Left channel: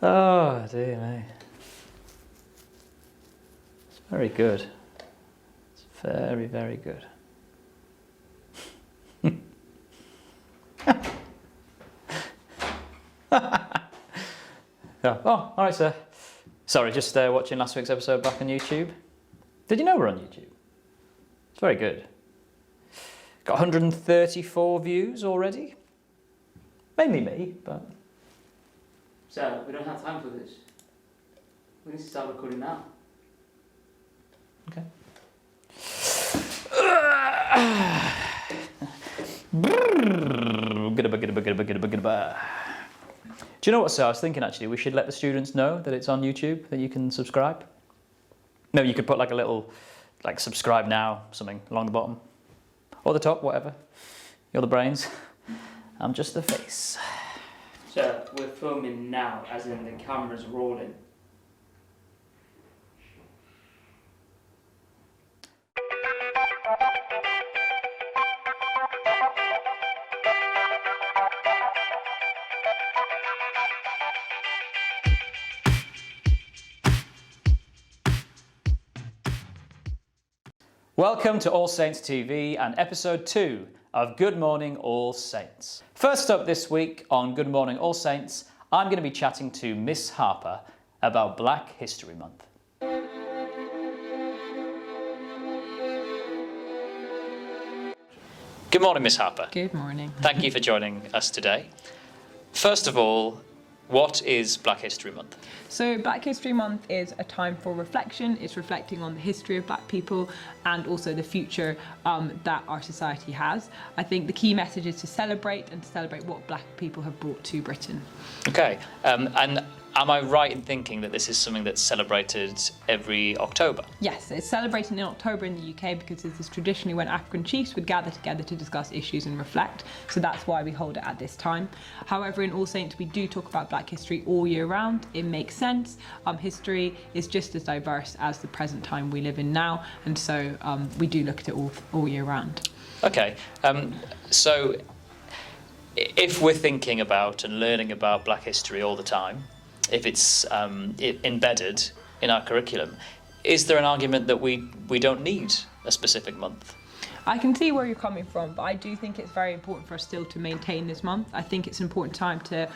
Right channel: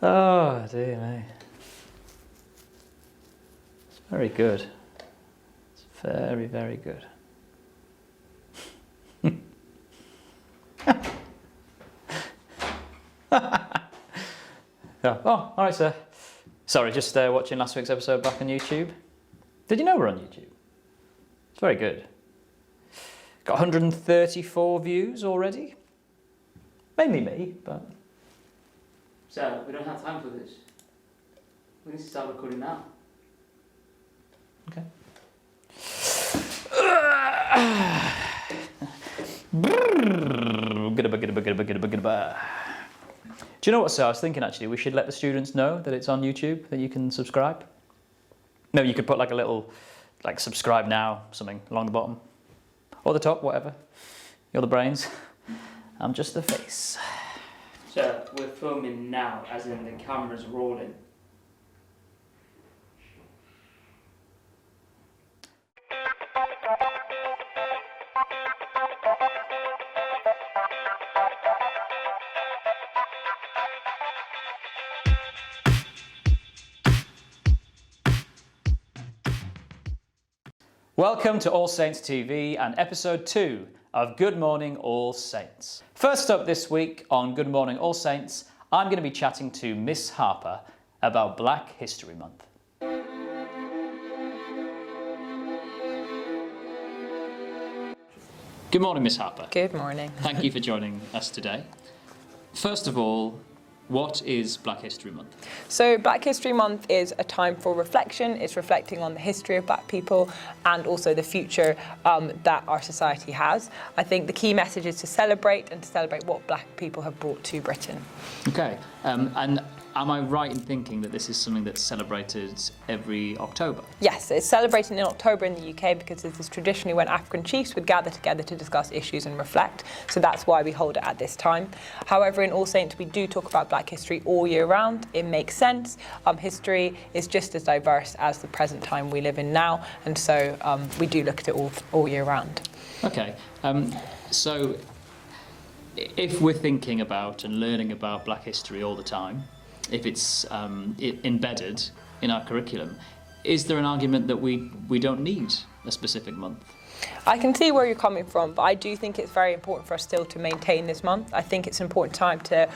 Oh, dear me. It's very good. It's very, very good. Oh, all right, sir. Sorry, just watching last week's episode back on YouTube. Did you know we're on YouTube? It's very good. Got 134 views already. Mainly me, but... So, we don't have time for this. We need to start recording now. Okay. Do you know what, sir? I was thinking actually we should let the students know that it's on YouTube, that you can subscribe. Maybe you could put like a little, like subscribe now, something along the bottom. Or the top, whatever. You're the brains. I'm just the face. So, we're filming now, as in the camera's rolling. Welcome to All Saints TV and episode 2 of Good Morning All Saints. First up this week on Good Morning All Saints, I'm going to be chatting to Miss Harper about Black History Month. Good morning, Miss Harper. Good morning. Thank you for joining us today. First of all, what is Black History Month? So Black History Month is a time for reflection. It's reflecting on the history of Black people and also the future that our society has. I think the key message is to celebrate what Black people have brought to Britain. Okay, and am I right in thinking that this is something that's celebrated every October? Yes, it's celebrated in October in the UK because this is traditionally when African chiefs would gather together to discuss issues and reflect. So that's why we hold it at this time. However, in All Saints, we do talk about Black history all year round. It makes sense. History is just as diverse as the present time we live in now. And so we do look at it all year round. Okay, so if we're thinking about and learning about Black history all the time, if it's embedded in our curriculum, is there an argument that we don't need a specific month? I can see where you're coming from, but I do think it's very important for us still to maintain this month. I think it's an important time to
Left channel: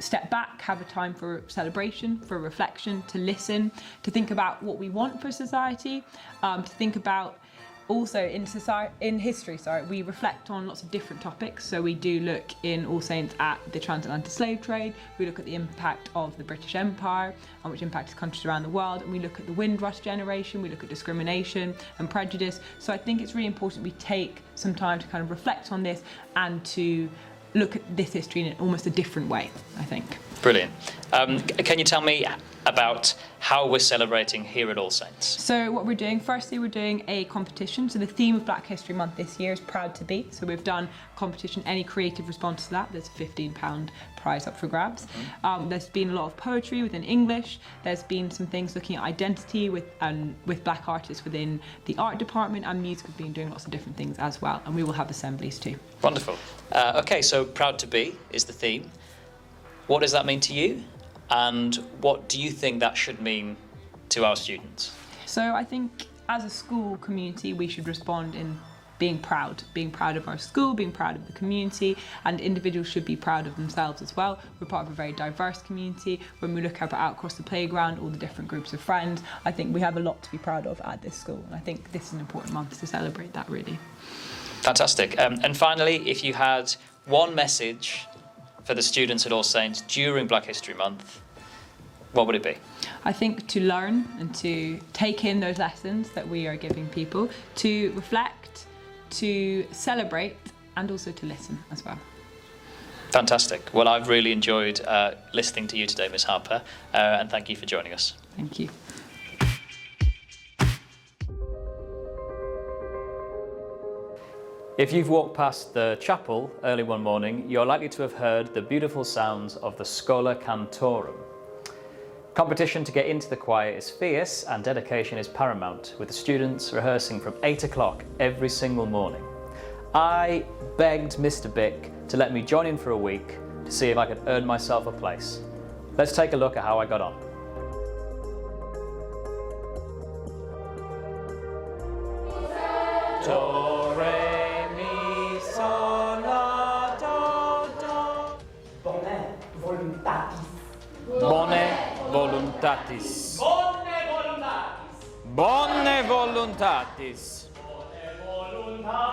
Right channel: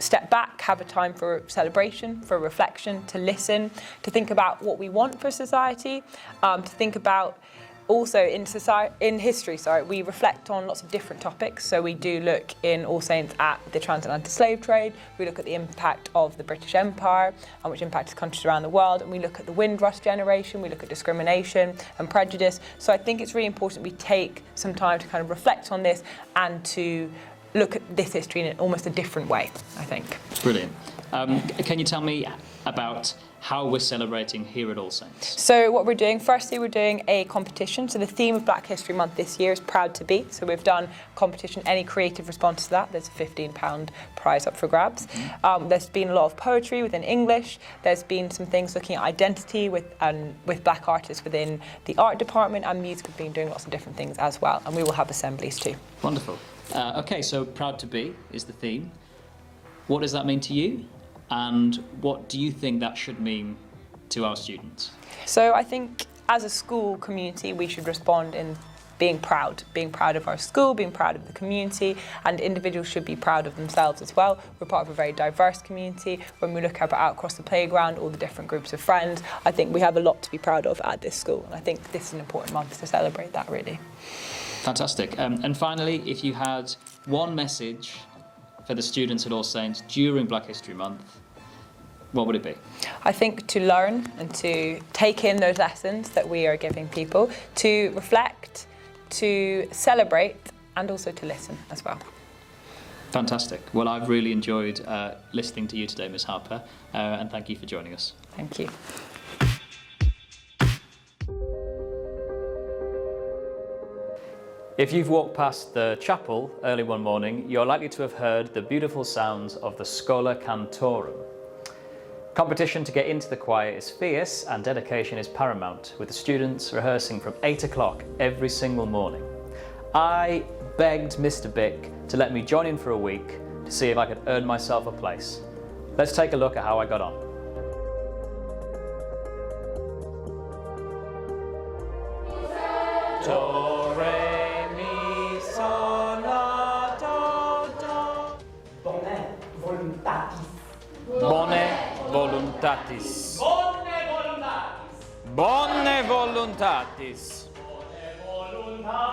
step back, have a time for celebration, for reflection, to listen, to think about what we want for society, to think about also in history, we reflect on lots of different topics. So we do look in All Saints at the transatlantic slave trade, we look at the impact of the British Empire and which impacted countries around the world, and we look at the Windrush generation, we look at discrimination and prejudice. So I think it's really important we take some time to kind of reflect on this and to look at this history in almost a different way, I think. Brilliant. Can you tell me about how we're celebrating here at All Saints? So what we're doing, firstly, we're doing a competition. So the theme of Black History Month this year is Proud to Be. So we've done a competition, any creative response to that, there's a £15 prize up for grabs. There's been a lot of poetry within English. There's been some things looking at identity with Black artists within the art department, and music have been doing lots of different things as well. And we will have assemblies too. Wonderful. Okay, so Proud to Be is the theme. What does that mean to you? And what do you think that should mean to our students? So I think as a school community, we should respond in being proud of our school, being proud of the community, and individuals should be proud of themselves as well. We're part of a very diverse community. When we look out across the playground, all the different groups of friends, I think we have a lot to be proud of at this school. And I think this is an important month to celebrate that, really. Fantastic. And finally, if you had one message for the students at All Saints during Black History Month, what would it be? I think to learn and to take in those lessons that we are giving people, to reflect, to celebrate, and also to listen as well. Fantastic. Well, I've really enjoyed listening to you today, Miss Harper, and thank you for joining us. Thank you. If you've walked past the chapel early one morning, you're likely to have heard the beautiful sounds of the Schola Cantorum. Competition to get into the choir is fierce and dedication is paramount, with the students rehearsing from 8 o'clock every single morning. I begged Mr Bick to let me join in for a week to see if I could earn myself a place. Let's take a look at how I got on. Do, re, mi, sol, la, do, do. Bone voluntatis. Bone voluntatis. Bonne voluntatis. Bone voluntatis. Voluntatis.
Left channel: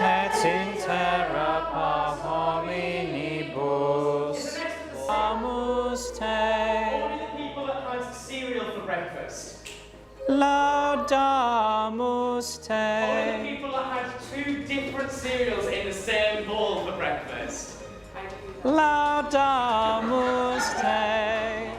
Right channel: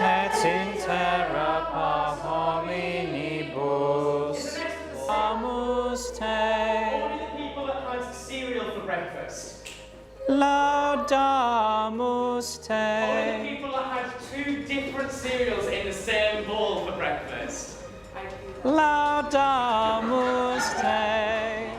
Et in terra hominibus amus te. Only the people that had cereal for breakfast. Laudamus Only the te. people that had 2 different cereals in the same bowl for breakfast. Laudamus te.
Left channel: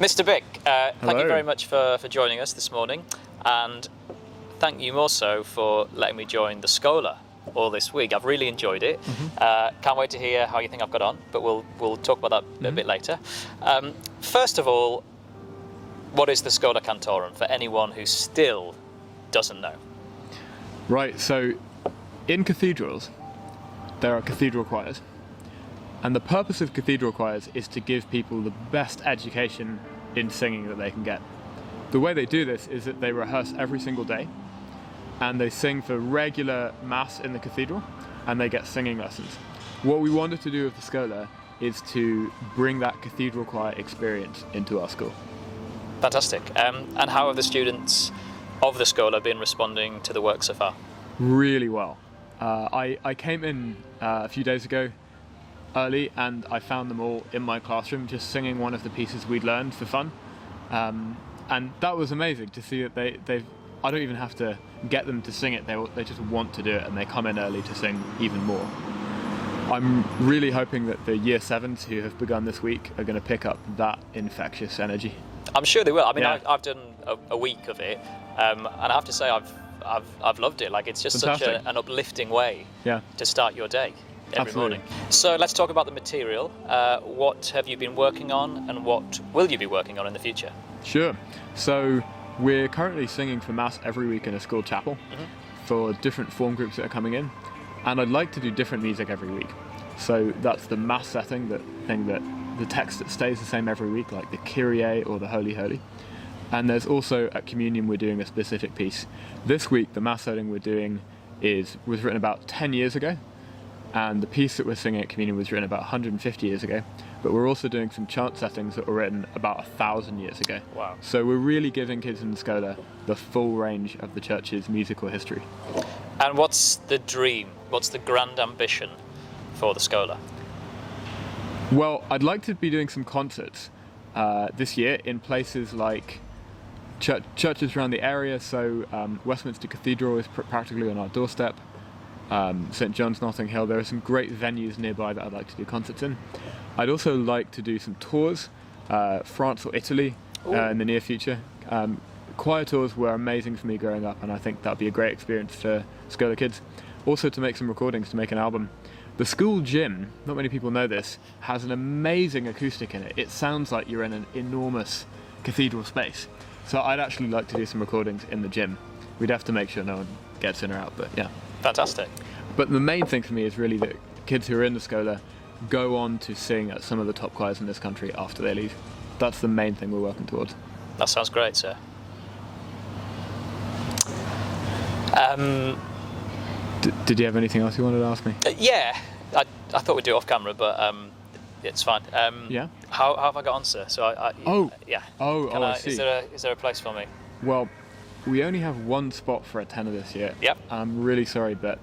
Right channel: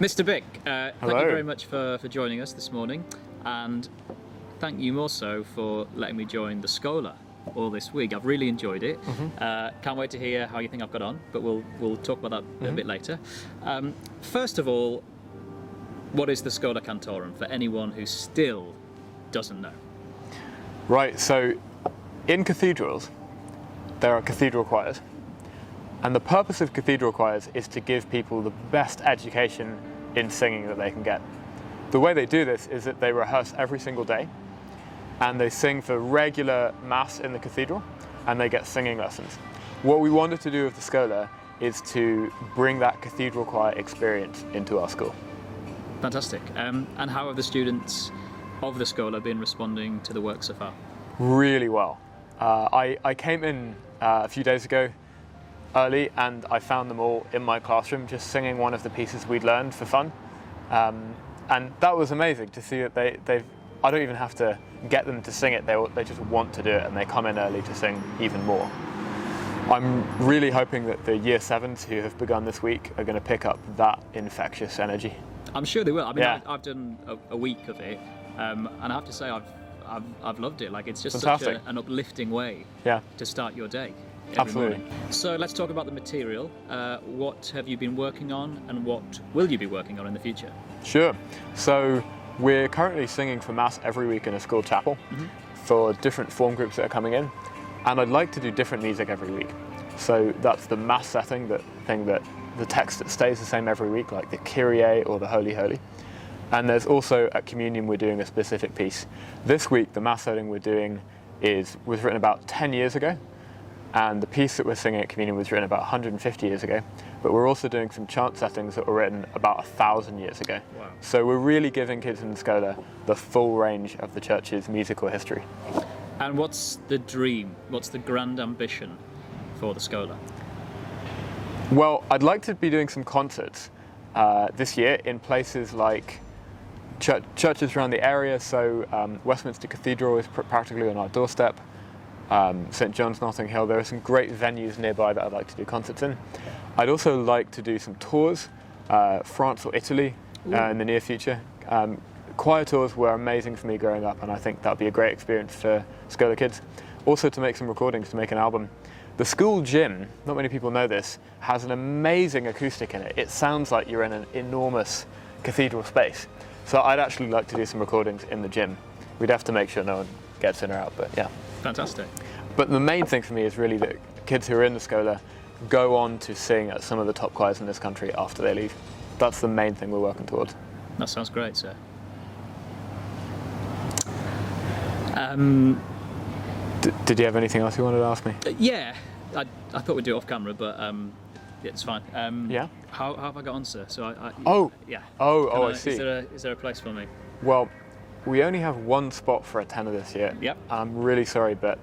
Mr Bick, thank you Hello. very much for joining us this morning, and thank you more so for letting me join the Schola all this week. I've really enjoyed it. Can't wait to hear how you think I've got on, but we'll talk about that a bit later. First of all, what is the Schola Cantorum for anyone who still doesn't know? Right, so in cathedrals, there are cathedral choirs. And the purpose of cathedral choirs is to give people the best education in singing that they can get. The way they do this is that they rehearse every single day, and they sing for regular mass in the cathedral, and they get singing lessons. What we wanted to do with the Schola is to bring that cathedral choir experience into our school. Fantastic. And how have the students of the Schola been responding to the work so far? Really well. I came in a few days ago early, and I found them all in my classroom just singing one of the pieces we'd learned for fun. And that was amazing to see that they've, I don't even have to get them to sing it, they just want to do it, and they come in early to sing even more. I'm really hoping that the Year 7s who have begun this week are going to pick up that infectious energy. I'm sure they will. I mean, Yeah. I've done a week of it, and I have to say I've loved it. Like, it's just Fantastic. such an uplifting way Yeah. to start your day every Absolutely. morning. So let's talk about the material. What have you been working on, and what will you be working on in the future? Sure. So we're currently singing for Mass every week in a school chapel for different form groups that are coming in, and I'd like to do different music every week. So that's the Mass setting, that thing that the text that stays the same every week, like the Kyrie or the Holy Holy. And there's also at Communion we're doing a specific piece. This week the Mass setting we're doing was written about 10 years ago, and the piece that we're singing at Communion was written about 150 years ago. But we're also doing some chant settings that were written about 1,000 years ago. Wow. So we're really giving kids in the Schola the full range of the church's musical history. And what's the dream? What's the grand ambition for the Schola? Well, I'd like to be doing some concerts this year in places like churches around the area. So Westminster Cathedral is practically on our doorstep. St John's, Notting Hill. There are some great venues nearby that I'd like to do concerts in. I'd also like to do some tours, France or Italy in the near future. Choir tours were amazing for me growing up, and I think that'd be a great experience for Schola kids. Also to make some recordings, to make an album. The school gym, not many people know this, has an amazing acoustic in it. It sounds like you're in an enormous cathedral space. So I'd actually like to do some recordings in the gym. We'd have to make sure no one gets in or out, but yeah. Fantastic. But the main thing for me is really that kids who are in the Schola go on to sing at some of the top choirs in this country after they leave. That's the main thing we're working towards. That sounds great, sir. Did you have anything else you wanted to ask me? Yeah, I thought we'd do it off camera, but it's fine. Yeah? How have I got on, sir? So yeah. I see. Is there a place for me? Well, we only have one spot for a tenor this year. Yep. I'm really sorry, but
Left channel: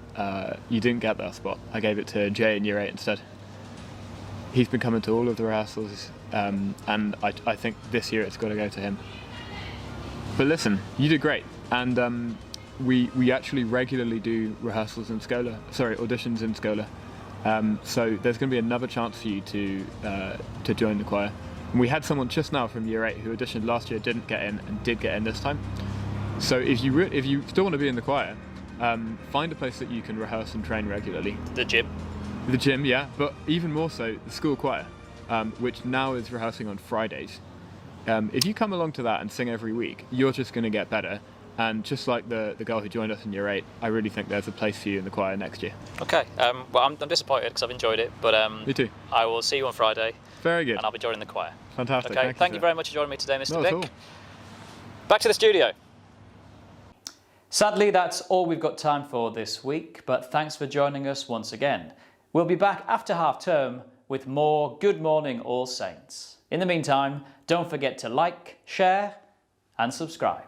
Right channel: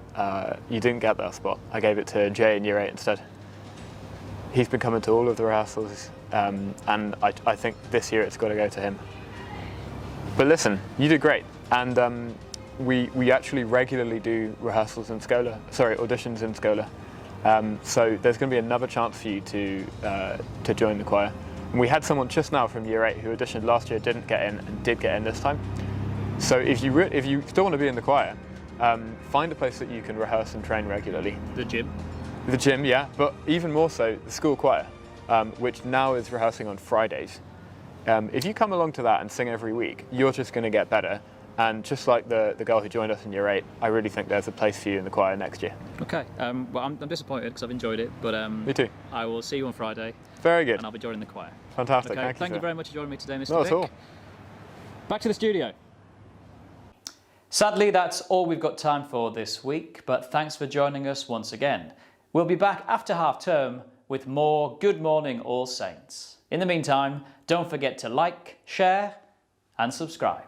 you didn't get that spot. I gave it to Jay in Year 8 instead. He's been coming to all of the rehearsals, and I think this year it's got to go to him. But listen, you did great, and we actually regularly do rehearsals in Schola, auditions in Schola. So there's going to be another chance for you to join the choir. And we had someone just now from Year 8 who auditioned last year, didn't get in, and did get in this time. So if you still want to be in the choir, find a place that you can rehearse and train regularly. The gym. The gym, yeah, but even more so, the school choir, which now is rehearsing on Fridays. If you come along to that and sing every week, you're just going to get better, And just like the girl who joined us in Year 8, I really think there's a place for you in the choir next year. Okay, well, I'm disappointed because I've enjoyed it, but Me too. I will see you on Friday. Very good. And I'll be joining the choir. Fantastic. Okay, thank you sir. very much for joining me today, Mr. Not Bick. at all. Back to the studio. Sadly, that's all we've got time for this week, but thanks for joining us once again. We'll be back after half term with more Good Morning All Saints. In the meantime, don't forget to like, share and subscribe.